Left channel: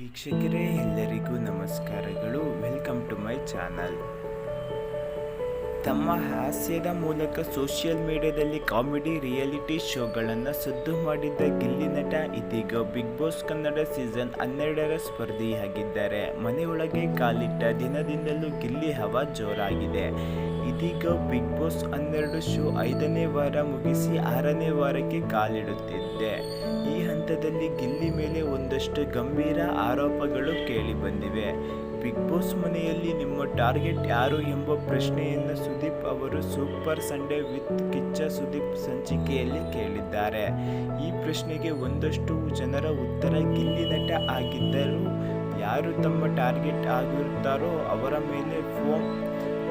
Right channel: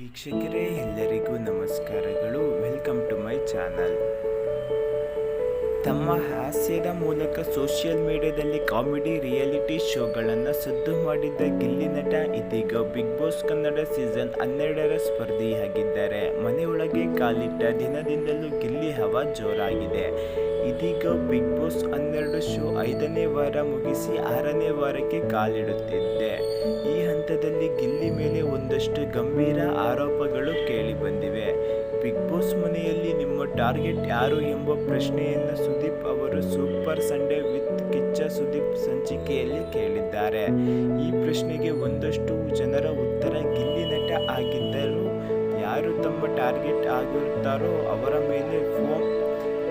ವೀಕ್ಷಕರೇ ಎಲ್ಲರಿಗೂ ನಮಸ್ಕಾರಗಳು. Welcome to my channel. ತಮ್ಮ ಹಾಸ್ಯದ ಮೂಲಕ ಸೋಷಿಯಲ್ ಮೀಡಿಯಾದಲ್ಲಿ ಕಾಮಿಡಿ ರಿಯಾಲಿಟಿ ಶೋಗಳನ್ನು ಸದ್ದು ಮಾಡಿದ್ದ ಗಿಲ್ಲಿ ನಟ, ಇದೀಗ ಬಿಗ್ ಬಾಸ್ ಕನ್ನಡ ಸೀಸನ್ ಹನ್ನೆರಡರ ಸ್ಪರ್ಧಿಯಾಗಿದ್ದಾರೆ. ಮನೆಯೊಳಗೆ ಕಾಲಿಟ್ಟ ದಿನದಿಂದಲೂ ಗಿಲ್ಲಿ ಹವಾ ಜೋರಾಗಿದೆ. ಇದೀಗ ಬಿಗ್ ಬಾಸ್ ಹನ್ನೆರಡು ಶೋ ಐದನೇ ವಾರ ಮುಗಿಸಿ ಆರನೇ ವಾರಕ್ಕೆ ಕಾಲಿಡುತ್ತಿದ್ದೆ ಈ ಹಂತದಲ್ಲಿ ಗಿಲ್ಲಿ ಮೇಲೆ ಒಂದಷ್ಟು ಗಂಭೀರ ಆರೋಪಗಳು ಕೇಳಿಬಂದಿವೆ. ಬಿಗ್ ಬಾಸ್ ಮನೆಯಲ್ಲಿ ನಿಮ್ಮ ಟಾರ್ಗೆಟ್ ಯಾರು ಎಂಬ ಪ್ರಶ್ನೆಯನ್ನು ಸುದೀಪ್ ಅವರು super Sunday with Kichcha Sudeep ಸಂಚಿಕೆಯಲ್ಲಿ ಕೇಳಿದ್ದಾರೆ. ಈ ಪ್ರಶ್ನೆಗೆ ಒಂದಷ್ಟು ಜನರ ಉತ್ತರ ಗಿಲ್ಲಿ ನಟ ಆಗಿದ್ದರೂ ಯಾರು ತಮ್ಮ ಟಾರ್ಗೆಟ್ ಆಗಿರುತ್ತಾರೋ ಅವರ ಮೇಲೆ ಫೋಮ್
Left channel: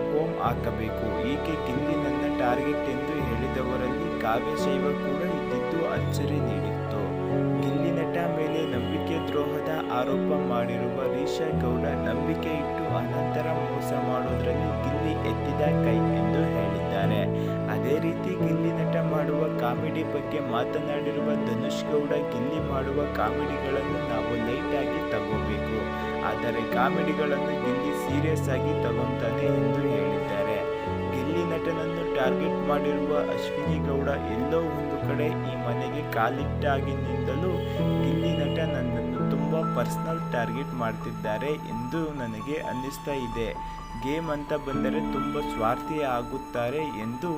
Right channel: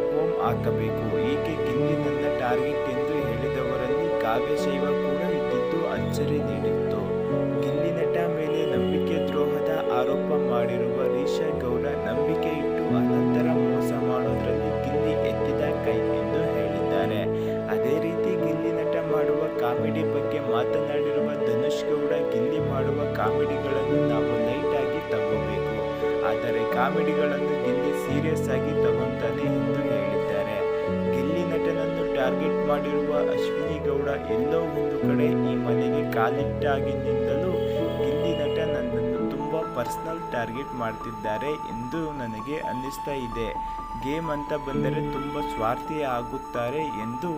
ಫೋಮ್ ಹಾಕಬೇಕು. ಈಕೆ ಗಿಲ್ಲಿ ನನ್ನ ಟಾರ್ಗೆಟ್ ಎಂದು ಹೇಳಿದವರಲ್ಲಿ ಕಾವ್ಯಶೈವ ಕೂಡ ಇದ್ದಿದ್ದು ಅಚ್ಚರಿ ನೀಡಿತ್ತು. ಗಿಲ್ಲಿ ನಟ ಮೇಲೆ ನಂಬಿಕೆ ದ್ರೋಹದ ಆರೋಪ ಮಾಡಿರುವ ರೀಶಾ ಗೌಡ ನಂಬಿಕೆ ಇಟ್ಟು ಅನಂತರ ಮೋಸ ಮಾಡೋದ್ರಲ್ಲಿ ಗಿಲ್ಲಿ ಎತ್ತಿದ ಕಾಮಿಡಿ ಬಗ್ಗೆ ಮಾತನಾಡಿರುವ ಧನುಷ್ ಗೌಡ, ಗಿಲ್ಲಿ ಮಾಡುವ ಕಾಮಿಡಿಗಳನ್ನು ನಾವು ಲೈಟ್ ಆಗಿ ತಗೋಬೇಕು. ಆದರೆ ಕಾಮಿಡಿಗಳನ್ನು ಗಿಲ್ಲಿ ಸೀರಿಯಸ್ ಆಗಿ ತಗೊಂತಾನೆ ಎಂದು ಹೇಳಿದ್ದಾರೆ. ಗಿಲ್ಲಿ ನಟನನ್ನು ಟಾರ್ಗೆಟ್ ಮಾಡಿರುವ ಅಶ್ವಿನಿ ಗೌಡ ಎಲ್ಲೋ ಒಂದು ಕಡೆ ಈ ಮನೆಗೆ ಕಾಲಿಟ್ಟಾಗಿನಿಂದಲೂ ಗಿಲ್ಲಿ ನಟ ನನ್ನನ್ನು ತುಂಬ ಪರ್ಸ್ನಲ್ ಟಾರ್ಗೆಟ್ ಮಾಡ್ತಿದ್ದಾರೆ ಎಂದು ನನಗೆ ಅನ್ನಿಸ್ತಾ ಇದೆ. ಗೇಮ್ ಅಂತ ಬಂದರೆ ತುಂಬ ಸ್ವಾರ್ಥಿ ಆಗುತ್ತಾರೆ ಎಂದು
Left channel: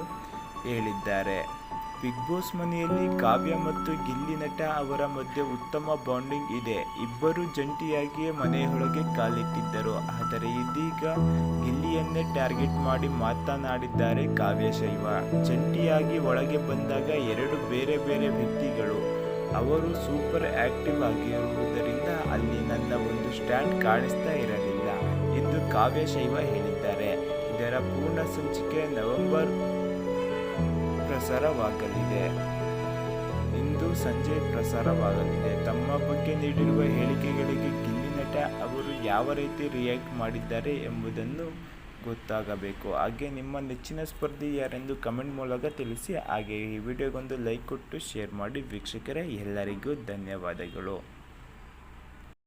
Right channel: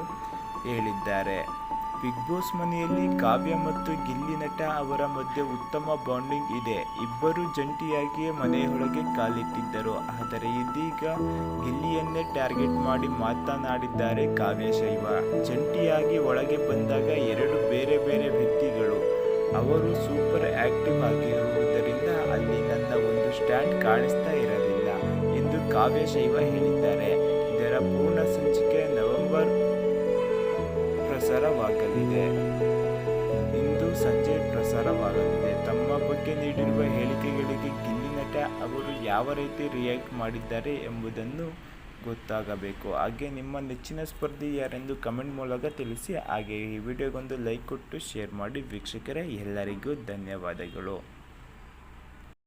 ಹೇಳಿದ್ದಾರೆ. ಬಿಗ್ ಬಾಸ್ ಮನೆಯಲ್ಲಿ ಕಾವ್ಯ ಮತ್ತು ಗಿಲ್ಲಿ ನಟ ಅವರ ಮಧ್ಯೆ ಉತ್ತಮ ಬಾಂಡಿಂಗ್ ಇದೆ. ಇಬ್ಬರು ಜಂಟಿಯಾಗಿಯೇ ಮನೆಯೊಳಗೆ ಕಾಲಿಟ್ಟಿದ್ದರು. ಆದರೆ ಇದೀಗ ಗಿಲ್ಲಿಯನ್ನೇ ಟಾರ್ಗೆಟ್ ಮಾಡಿ ಮಾತನಾಡಿದ್ದಾರೆ ಕಾವ್ಯ ಶೈವ. ಜಂಟಿಯಾಗಿ ಒಳಗೆ ಬಂದಾಗ ಎರಡು ಬೇರೆ ಬೇರೆ ವ್ಯಕ್ತಿಗಳು. ಅವರು ಸೂಪರ್ ಆಕ್ಟಿವ್ ಆಗಿರುವುದರಿಂದ ಅಲ್ಲಿ ನನ್ನ ಒಂದು ಸ್ಟ್ಯಾಂಡ್ ಕಾಣಿಸ್ತಾ ಇರಲಿಲ್ಲ ಎಂದು ಕಾವ್ಯ ಶೈವ ಹೇಳಿದ್ದಾರೆ. ಇದರ ಪೂರ್ಣ ಸಂಚಿಕೆ ನವೆಂಬರ್ ಪ್ರಸಾರವಾಗಲಿದೆ. ಇಂದು ಸಂಜೆ ಪ್ರಸಾರವಾಗಲಿದೆ. ತಮ್ಮ ಬಗ್ಗೆ ನೀಡಿರುವ ಹೇಳಿಕೆಗಳಿಗೆ ಗಿಲ್ಲಿ ನಟ ಅವರು ಯಾವ ರೀತಿ ರಿಯಾಕ್ಟ್ ಮಾಡಿದ್ದಾರೆ ಎಂಬುದನ್ನು ಗೊತ್ತಾಗಬೇಕು. ಹಾಗೆ ನಿಮ್ಮ ನೆಚ್ಚಿನ ಸ್ಪರ್ಧಿ ಯಾರೆಂದು ಕಮೆಂಟ್ ಮೂಲಕ ತಿಳಿಸಿ. ಹಾಗೆ ಈ ವಿಡಿಯೋಗೊಂದು ಲೈಕ್ ಕೊಟ್ಟು ಶೇರ್ ಮಾಡಿ. ವೀಕ್ಷಕರೇ, ಎಲ್ಲರಿಗೂ ಧನ್ಯವಾದಗಳು.